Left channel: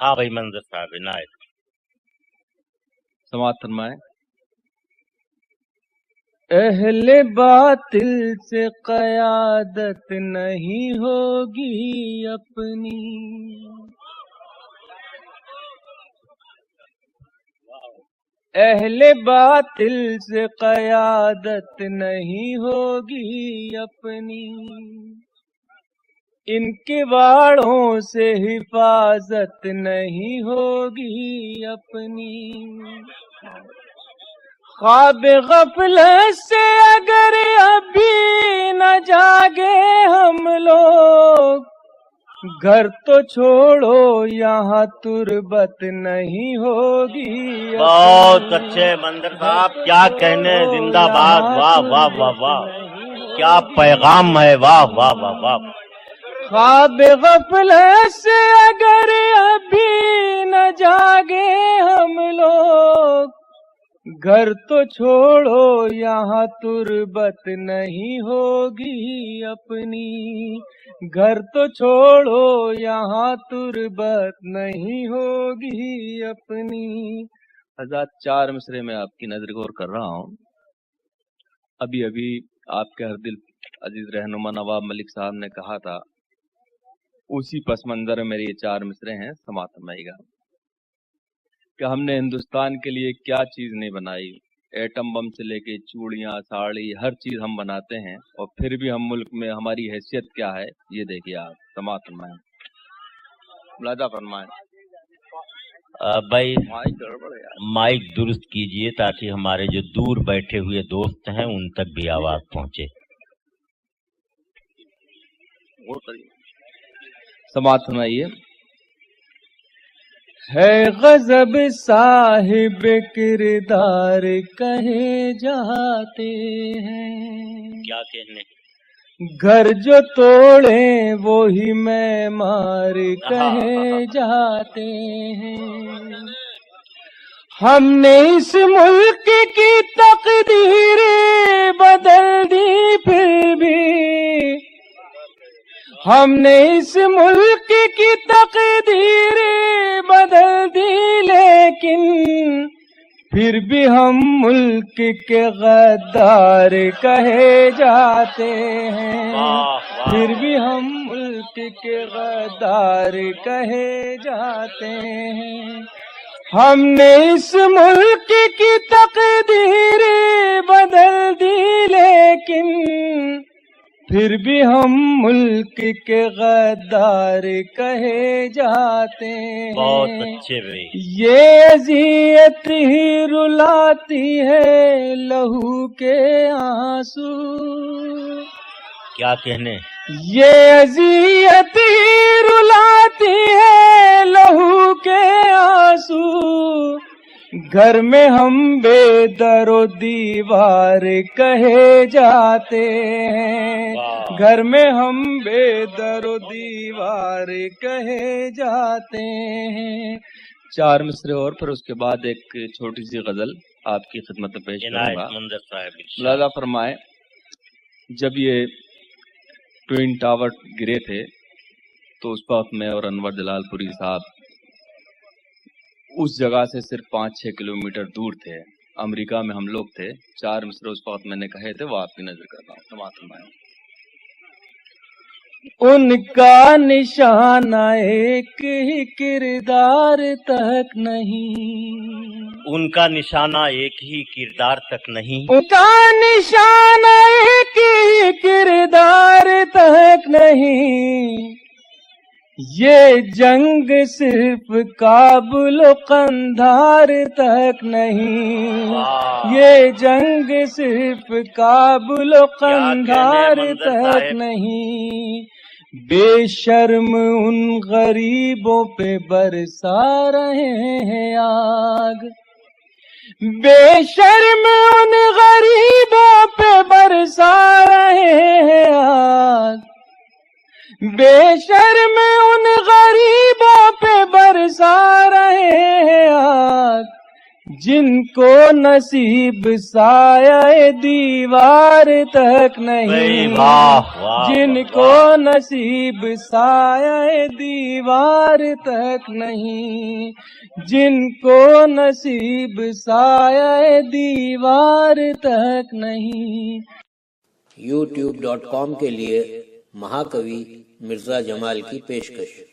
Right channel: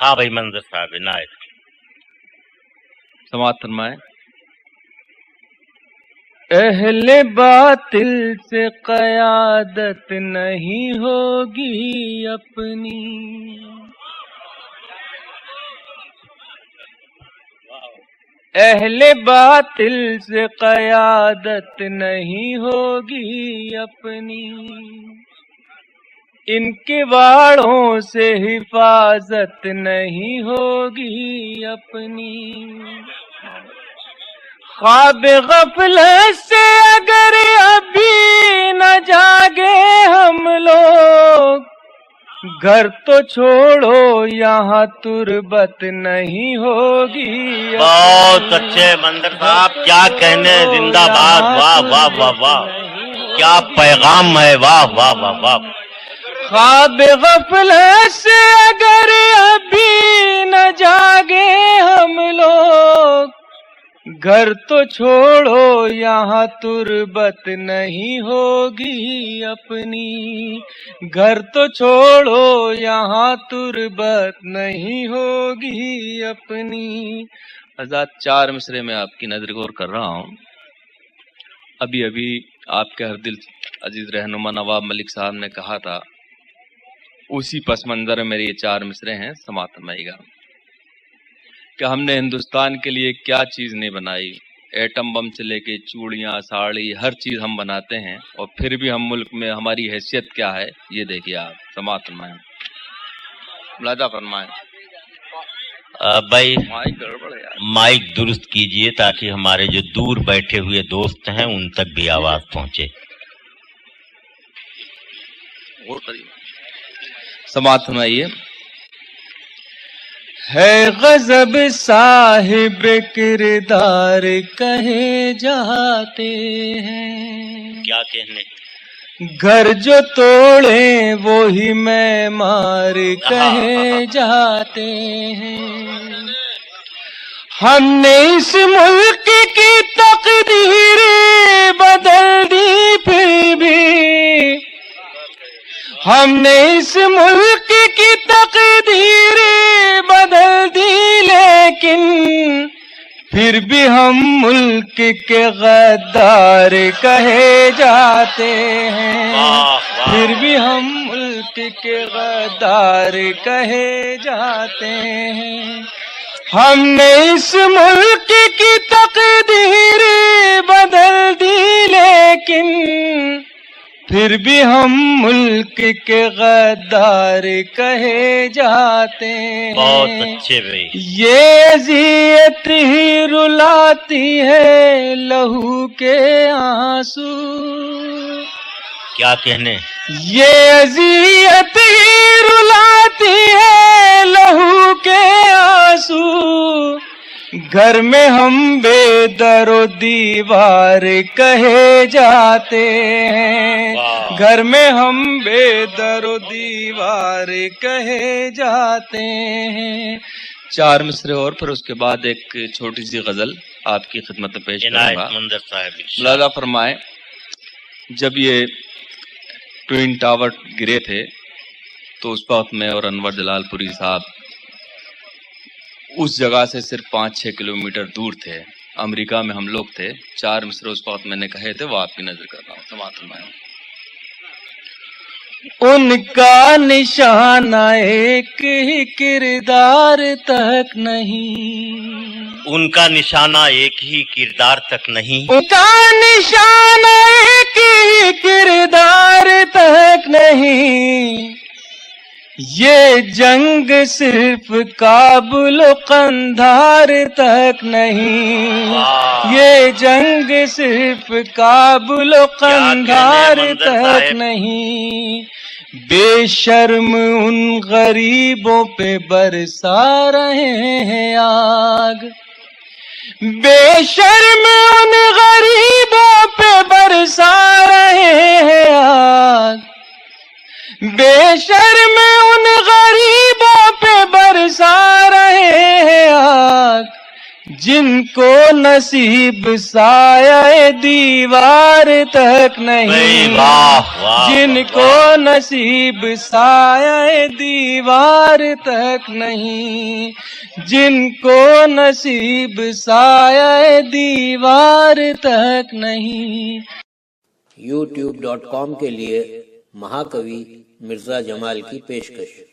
ہاں بھائی منظر صاحب عنایت سماعت فرمائیں۔ اہل باطل سے قیادت نہیں ہوگی اپنی، اہل باطل سے قیادت نہیں ہوگی اپنی، ان کے واڑوں سے حفاظت نہیں ہوگی اپنی، خواب غفلت سے اگر ابھی نہ جاگے ہم لوگ، گھر تو چھوڑو یہاں تربت نہیں ہوگی اپنی۔ بہت اچھے منظر صاحب، کیا کہنے، زندہ باد، واہ واہ واہ واہ، کیا پیغام ہے، واہ واہ واہ واہ۔ خواب غفلت سے اگر ابھی نہ جاگے ہم لوگ، گھر تو چھوڑو یہاں تربت نہیں ہوگی اپنی، گھر تو چھوڑو یہاں تربت نہیں ہوگی اپنی۔ حضرات، 4 مصرے میں آپ کی نظر غور کر رہا ہوں۔ ابھی آپ کے ہر دل عزیز رہنما نواب ملک صاحب نے کہا تھا، اسی پس منظر میں میرے یہ 4 مصرے ہیں، سماعت فرمائیے گا کہ ہم نے ہندوستان کے لیے کیا چیز نہیں بنائی، ایٹم بم سے لے کے چوڑیاں، ساڑی، ہر چیز ہم بناتے ہیں، اور پھر بھی ہم ملک میں ہماری حیثیت کیا ہے یہ دیکھیے آپ، سماعت فرمائیں، ملاحظہ فرمائیں۔ بھائی مائک گڑبڑ ہے یار۔ مائک درست کیجئے تاکہ ہمارے جو دور بیٹھے ہوئے دوست ہیں ان تک بھی آواز پہنچے۔ اور قریب سماعت فرمائیے۔ ہے غضب صاحب کردار کہے جاتے ہیں، کیا کہنے، گھر جو توڑے وہی معمار کہے جاتے ہیں، ہم نے اس ملک کی تقدیر بدل دی پھر بھی، ہم نے اس ملک کی تقدیر بدل دی، لیکن پھر بھی ہم ملک کے غدار کہے جاتے ہیں، پھر بھی ہم ملک کے غدار کہے جاتے ہیں، ہم نے اس ملک کی تقدیر بدل دی، لیکن پھر بھی ہم ملک کے غدار کہے جاتے ہیں۔ بہت اچھے بھائی، یہ اذیت ہی رلاتی ہے لہو کے آنسو، کیا کہنے، یہ اذیت ہی رلاتی ہے لہو کے آنسو، گھر میں ہم بے در و دیوار کہے جاتے ہیں، گھر میں ہم بے در و دیوار کہے جاتے ہیں۔ 4 مصرے اور پھر اس کے بعد ایک چھوٹی سی غزل آپ کی خدمت میں پیش کروں گا۔ عنایت منظر صاحب، ملاحظہ فرمائیں، جب یہ ٹوئن ٹاور گرے تھے تو اس وقت میں اور انور جلال پوری صاحب اس جگہ سے صرف 5-6 کلومیٹر دور تھے، امریکہ میں ہم لوگ تھے۔ 4 مصرے اس وقت میں نے کہے تھے، وہ آپ کی نظر کر رہا ہوں، سماعت فرمائیں۔ ان کا نشانہ ایک ہی کردار تک نہیں، ان کا نشانہ ایک ہی کردار تک نہیں، ان کا نشانہ ایک ہی کردار تک نہیں، یہ جنگ صرف کابل و قندھار تک نہیں، یہ جنگ صرف کابل و قندھار تک نہیں، بے شرم ان غریبوں پہ برسا رہے ہیں آگ، بے شرم ان غریبوں پہ برسا رہے ہیں آگ، بے شرم ان غریبوں پہ برسا رہے ہیں آگ، جن کو نصیب سایہ دیوار تک نہیں، واہ واہ جن کو نصیب سایہ دیوار تک نہیں، جن کو نصیب سایہ دیوار تک نہیں۔ youtube.com کے لیے مہاکوی مرزا جمال کی پیشکش۔